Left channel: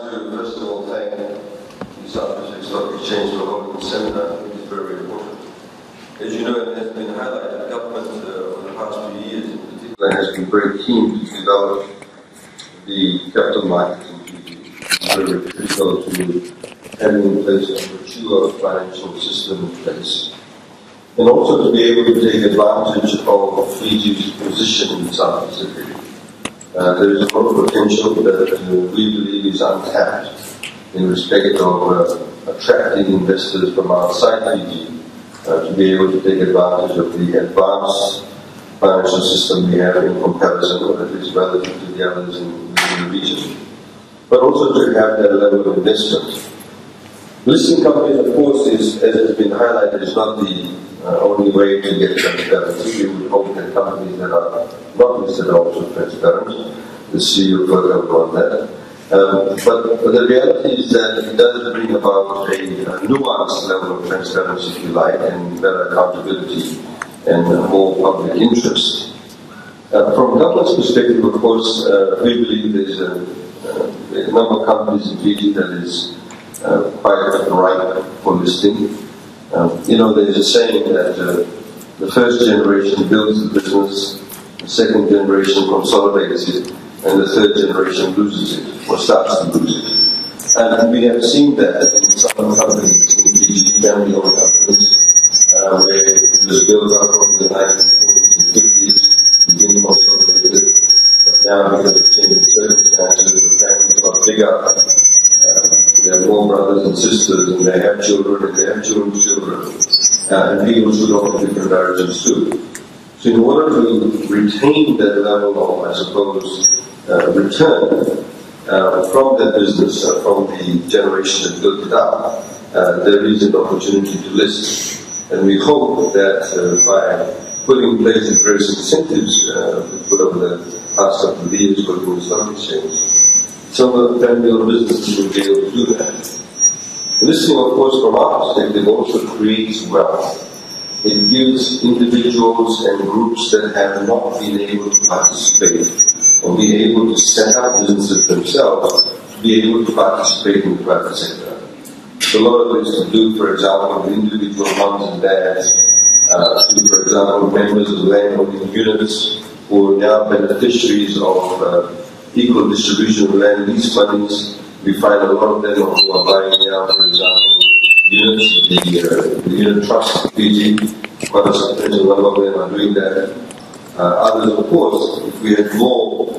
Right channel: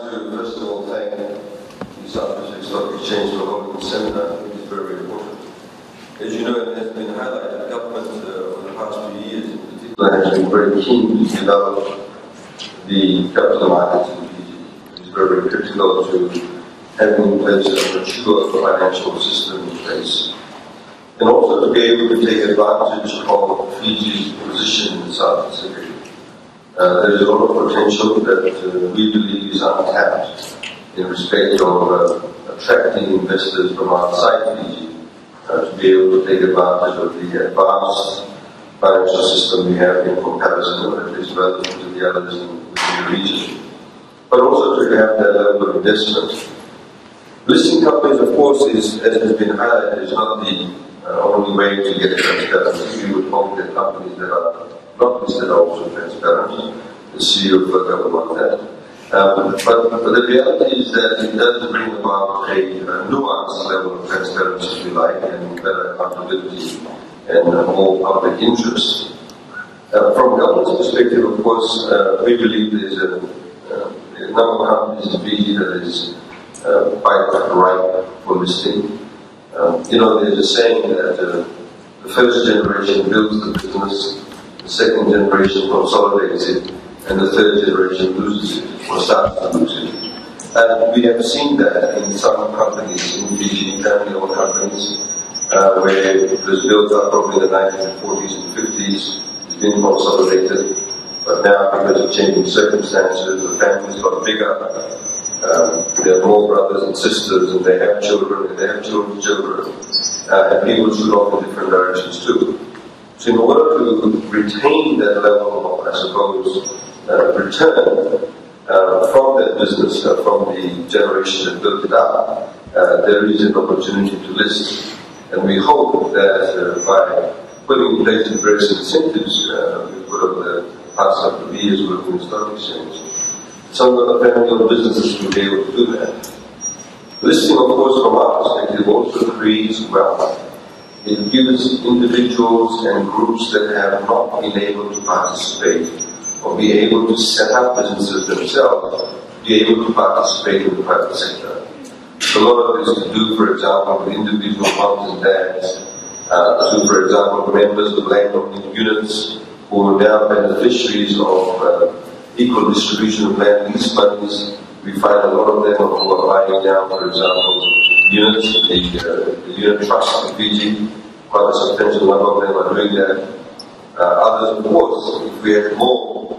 to first of all thank the South Pacific Stock Exchange for holding the seminar. I think it's very important. As you know, it has been highlighted, government over the past few years in particular has been very keen to develop the capital markets. It's very critical to having in place a mature financial system in place. And also to be able to take advantage of Fiji's position in the South Pacific. There is a lot of potential that we believe is untapped in respect of attracting investors from outside Fiji to be able to take advantage of the advanced financial system we have in comparison, or at least relative to the others in the region. But also to have that level of investment. Listing companies, of course, as has been highlighted, is not the only way to get transparency. We would hope that companies that are not listed are also transparent. The CEO further on that. But the reality is that it does bring about a nuanced level of transparency, if you like, and better accountability and more public interest. From government's perspective, of course, we believe there's a number of companies in Fiji that is quite ripe for listing. There's a saying that the first generation builds the business, the second generation consolidates it, and the third generation loses it, or starts to lose it. And we have seen that in some companies, in Fiji, family-owned companies, where it was built up probably in the 1940s and 50s, it's been consolidated, but now because of changing circumstances, the families got bigger. There are more brothers and sisters, and they have children, and they have children's children, and people should off in different directions too. So in order to retain that level of, I suppose, return from that business, from the generation that built it up, there is an opportunity to list. And we hope that by putting in place the various incentives we put over the past couple of years working with the stock exchange, some of the family-owned businesses will be able to do that. Listing, of course, from our perspective, also creates wealth. It gives individuals and groups that have not been able to participate or be able to set up businesses themselves to be able to participate in the private sector. So a lot of it is to do, for example, with individual moms and dads, to, for example, members of landholding units who are now beneficiaries of equal distribution of land lease monies. We find a lot of them who are buying now, for example, units, the unit trust in Fiji. Quite a substantial number of them are doing that. Others, of course, if we had more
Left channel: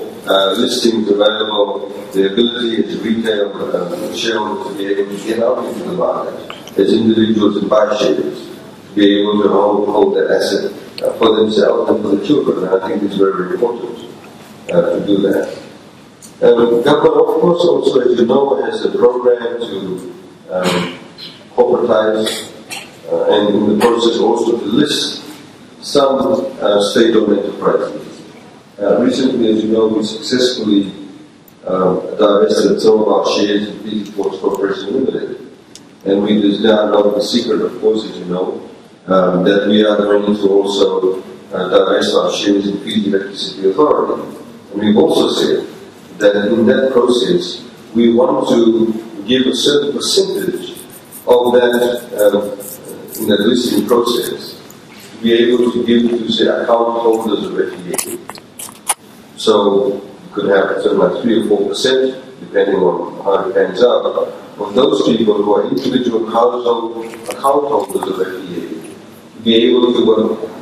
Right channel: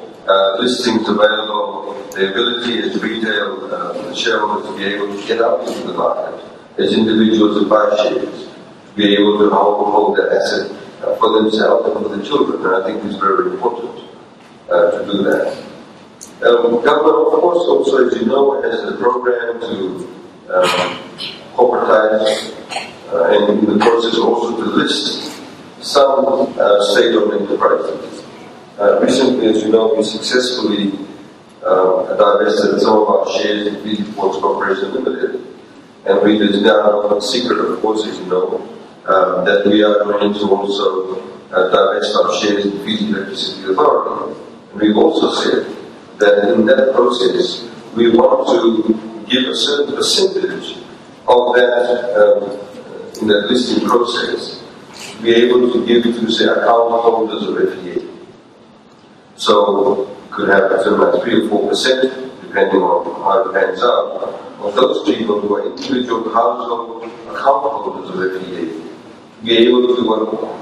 listings available, the ability as retail shareholders to be able to get out into the market, as individuals and buy shares, to be able to hold that asset for themselves and for the children. And I think it's very, very important to do that. Government, of course, also, as you know, has a program to corporatize and in the process also to list some state-owned enterprises. Recently, as you know, we successfully divested some of our shares in Fiji Ports Corporation Limited. And it is now no secret, of course, as you know, that we are going to also divest our shares in Fiji Electricity Authority. And we've also said that in that process, we want to give a certain percentage of that, in that listing process, to be able to give to, say, account holders of FEA. So, you could have something like 3 or 4%, depending on how it pans out, of those people who are individual household account holders of FEA, be able to,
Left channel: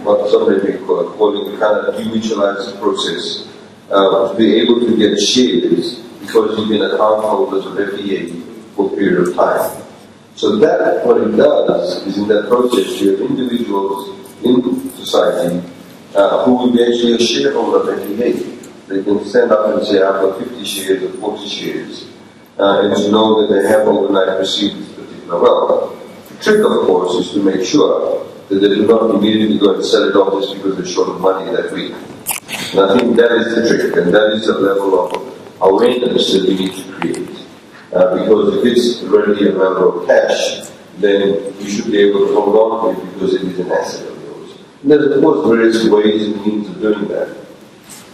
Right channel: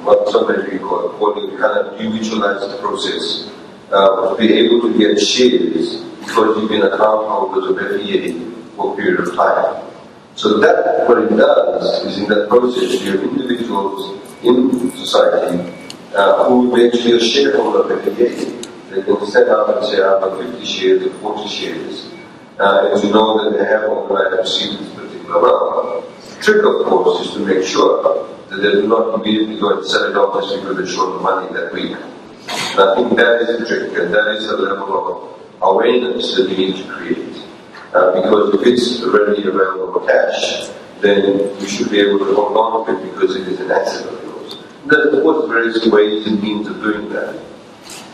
what somebody may call calling kind of demutualize the process, to be able to get shares because you've been account holders of FEA for a period of time. So that, what it does is in that process you have individuals in society who will be actually a shareholder of FEA. They can stand up and say, I've got 50 shares or 40 shares. And you know that they have overnight received this particular wealth. The trick, of course, is to make sure that they do not immediately go and sell it off just because they're short of money that week. And I think that is the trick, and that is the level of awareness that we need to create. Because if it's readily available cash, then we should be able to hold on to it because it is an asset of yours. And there's, of course, various ways and means of doing that.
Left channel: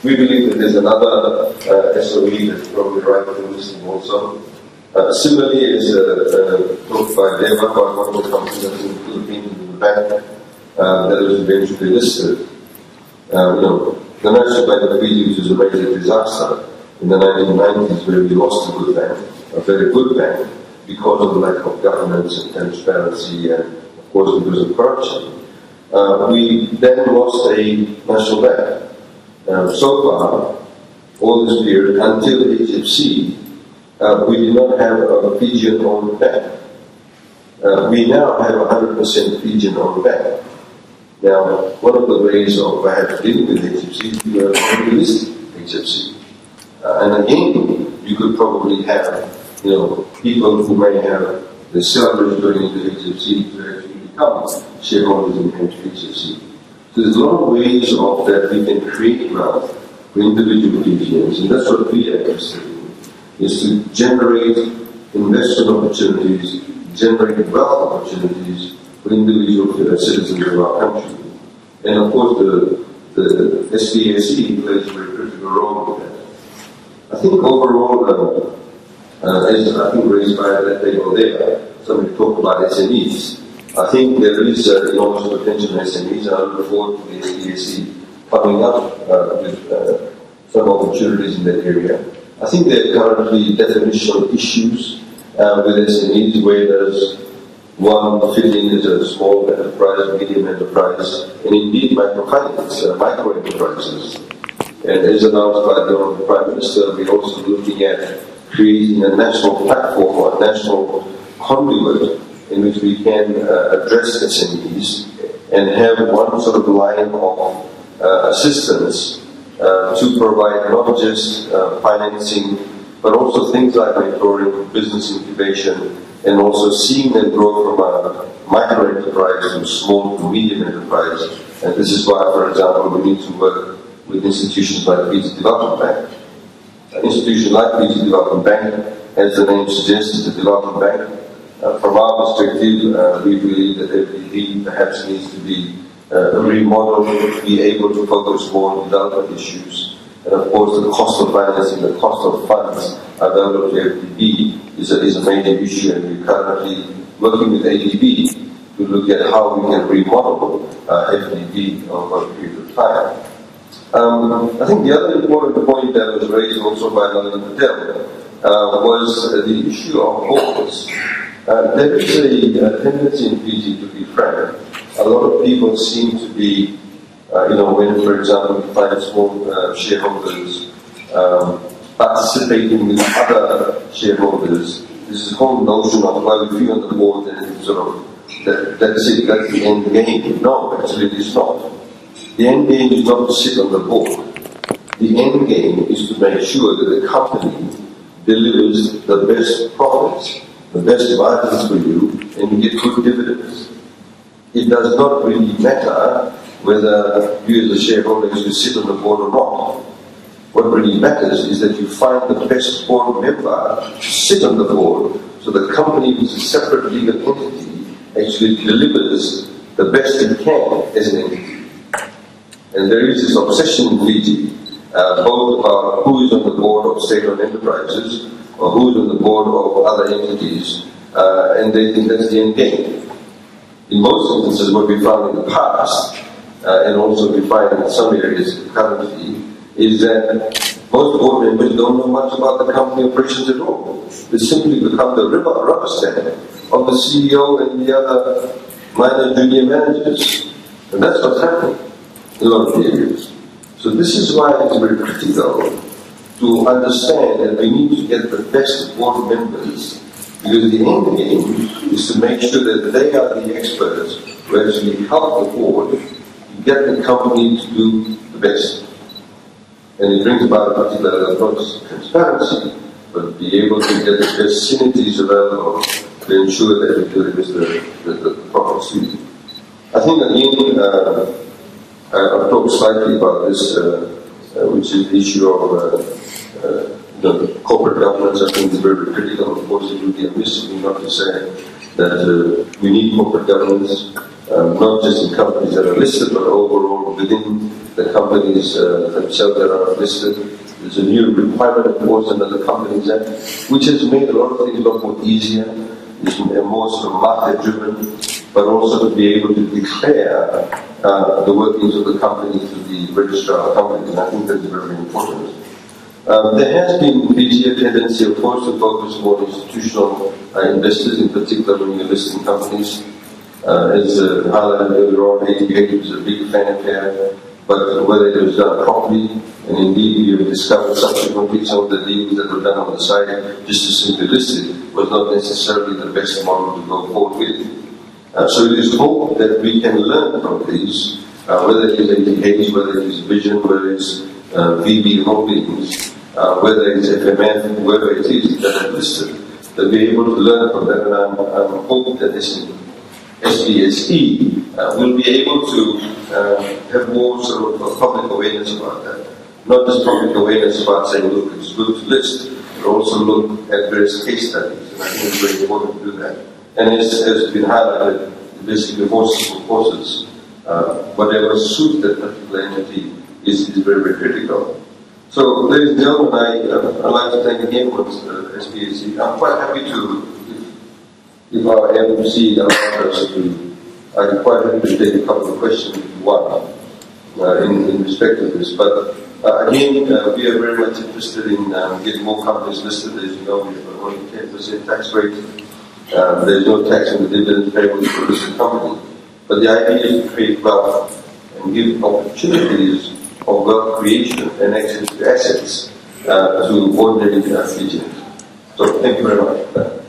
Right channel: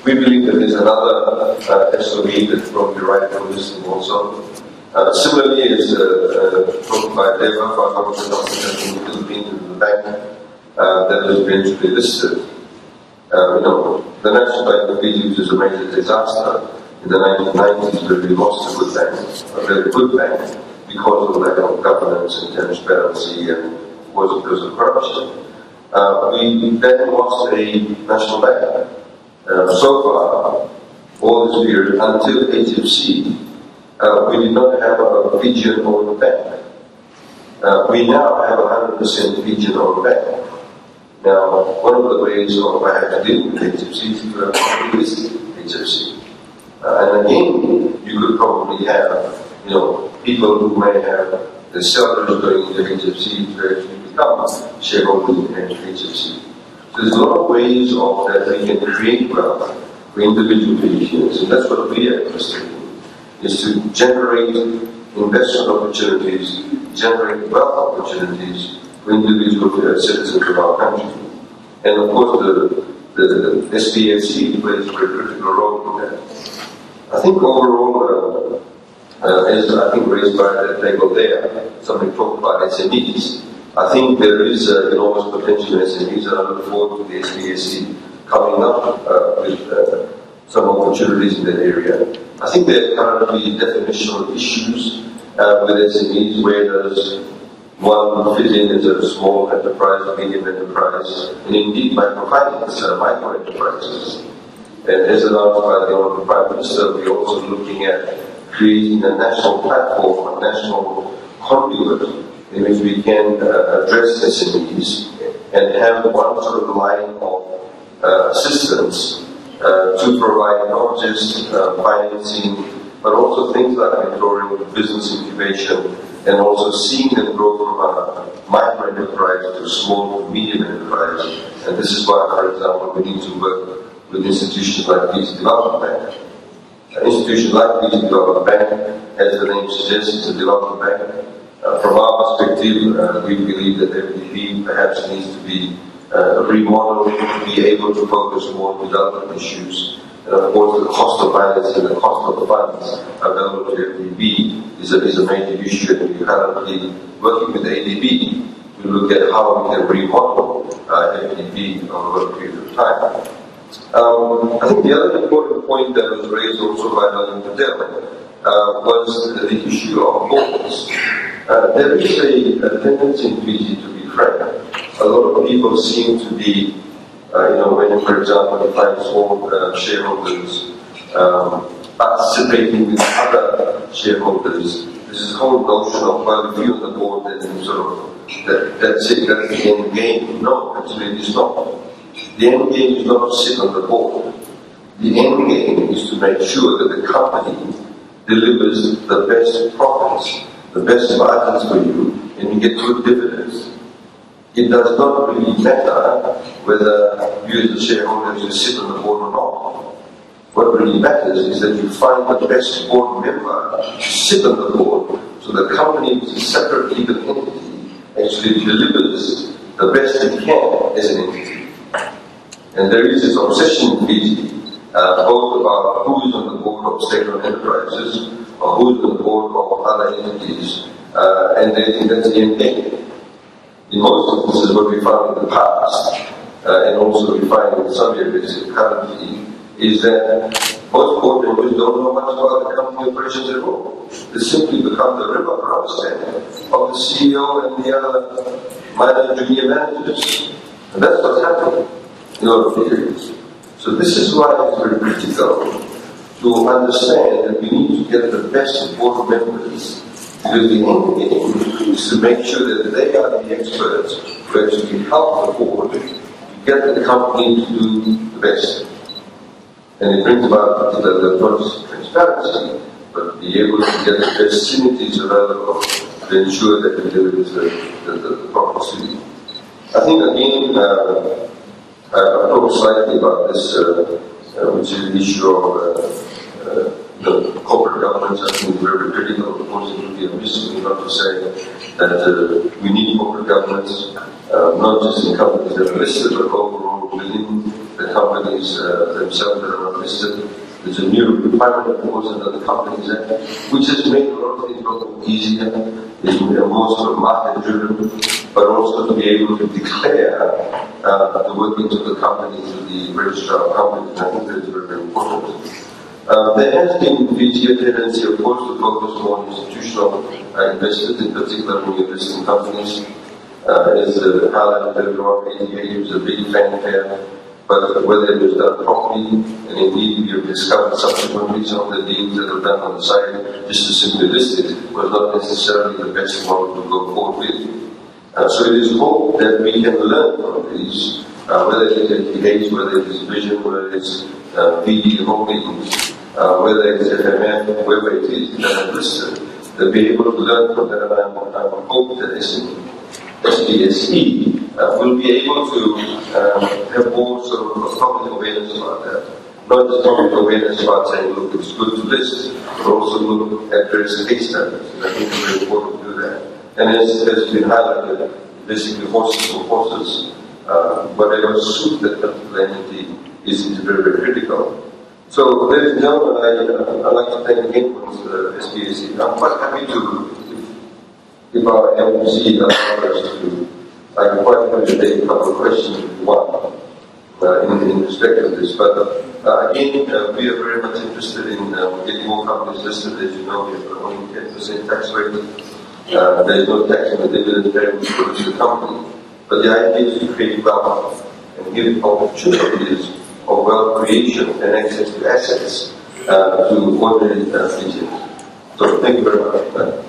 We believe that there's another SOE that's probably right for listing also, Similarly, as talked by Deva, one of the companies that in the Philippines is a bank that was eventually listed. The National Bank of Fiji, which was a major disaster in the 1990s, where we lost a good bank, a very good bank, because of the lack of governance and transparency, and of course because of corruption. We then lost a national bank. So far, all this period, until HFC, we did not have a Fijian-owned bank. We now have a 100% Fijian-owned bank. Now, one of the ways of dealing with HFC is to have a list HFC. And again, you could probably have, people who may have the salaries going into HFC to actually become shareholders in HFC. So there's a lot of ways of that we can create wealth for individual Fijians, and that's what we are interested in, is to generate investment opportunities, generate wealth opportunities for individual citizens of our country. And of course the SBSC plays a very critical role in that. I think overall, as I think raised by the table there, somebody talked about SMEs. I think there is enormous potential in SMEs, and I look forward to the SBSC coming up with some opportunities in that area. I think there are currently definitional issues with SMEs, where does one fit in as a small enterprise, medium enterprise, and indeed microfinance, micro enterprises. And as announced by the Honourable Prime Minister, we're also looking at creating a national platform, a national conduit in which we can address SMEs and have one sort of line of assistance to provide not just financing, but also things like mentoring, business incubation, and also seeing them grow from a micro enterprise to a small to medium enterprise. And this is why, for example, we need to work with institutions like Fiji Development Bank. An institution like Fiji Development Bank, as the name suggests, is a development bank. From our perspective, we believe that FDB perhaps needs to be remodeled, be able to focus more on development issues. And of course, the cost of financing, the cost of funds available to FDB is a major issue, and we're currently working with ADB to look at how we can remodel FDB over a period of time. I think the other important point that was raised also by Nalin Patel was the issue of borders. There is a tendency in Fiji, to be frank. A lot of people seem to be, when, for example, you find small shareholders participating with other shareholders, this whole notion of, well, if you're on the board, then sort of, that's it, that's the end game. No, actually it is not. The end game is not to sit on the board. The end game is to make sure that the company delivers the best profits, the best margins for you, and you get good dividends. It does not really matter whether you as a shareholder should sit on the board or not. What really matters is that you find the best board member to sit on the board, so the company, which is a separate legal entity, actually delivers the best it can as an entity. And there is this obsession in Fiji, both about who is on the board of state-owned enterprises or who is on the board of other entities, and they think that's the end game. In most instances, what we found in the past, and also we find in some areas currently, is that most board members don't know much about the company operations at all. They simply become the rubber stamp of the CEO and the other minor junior managers. And that's what's happening in all of the areas. So this is why it's very critical to understand that we need to get the best board members, because the end game is to make sure that they are the experts who actually help the board to get the company to do the best. And it brings about not just transparency, but be able to get the best synergies available to ensure that it delivers the profits to you. I think again, I've talked slightly about this, which is the issue of the corporate governance. I think is very critical. Of course, it would be a amiss not to say that we need corporate governance, not just in companies that are listed, but overall within the companies themselves that are listed. There's a new requirement, of course, under the Companies Act, which has made a lot of things a lot more easier, is more sort of market-driven, but also to be able to declare the workings of the company to the registrar of companies, and I think that is very, very important. There has been this year tendency, of course, to focus more on institutional investors, in particular when you invest in companies. As highlighted earlier on, 88 was a big fanfare, but whether it was done properly, and indeed we have discovered subsequently some of the deals that were done on the side, just to simply list it, was not necessarily the best model to go forward with. So it is hope that we can learn from these, whether it is ATH, whether it is Vision, whether it is VB Holdings, whether it is FMF, whoever it is that are listed, that we're able to learn from that, and I'm hope that SPSE will be able to have more sort of public awareness about that. Not just public awareness about saying, look, it's good to list, but also look at various case studies. And I think it's very important to do that. And as has been highlighted, basically horses for horses, whatever suits that particular entity is very, very critical. So, ladies and gentlemen, I'd like to thank again for the SPSE. I'm quite happy to, if our MC allows us to, I'm quite happy to take a couple of questions if you want, in respect of this. But again, we are very much interested in getting more companies listed. As you know, we have only 10% tax rate. There's no tax on the dividend payable for a listed company. But the idea is to create wealth and give opportunities of wealth creation and access to assets to ordinary Fijians. So thank you very much.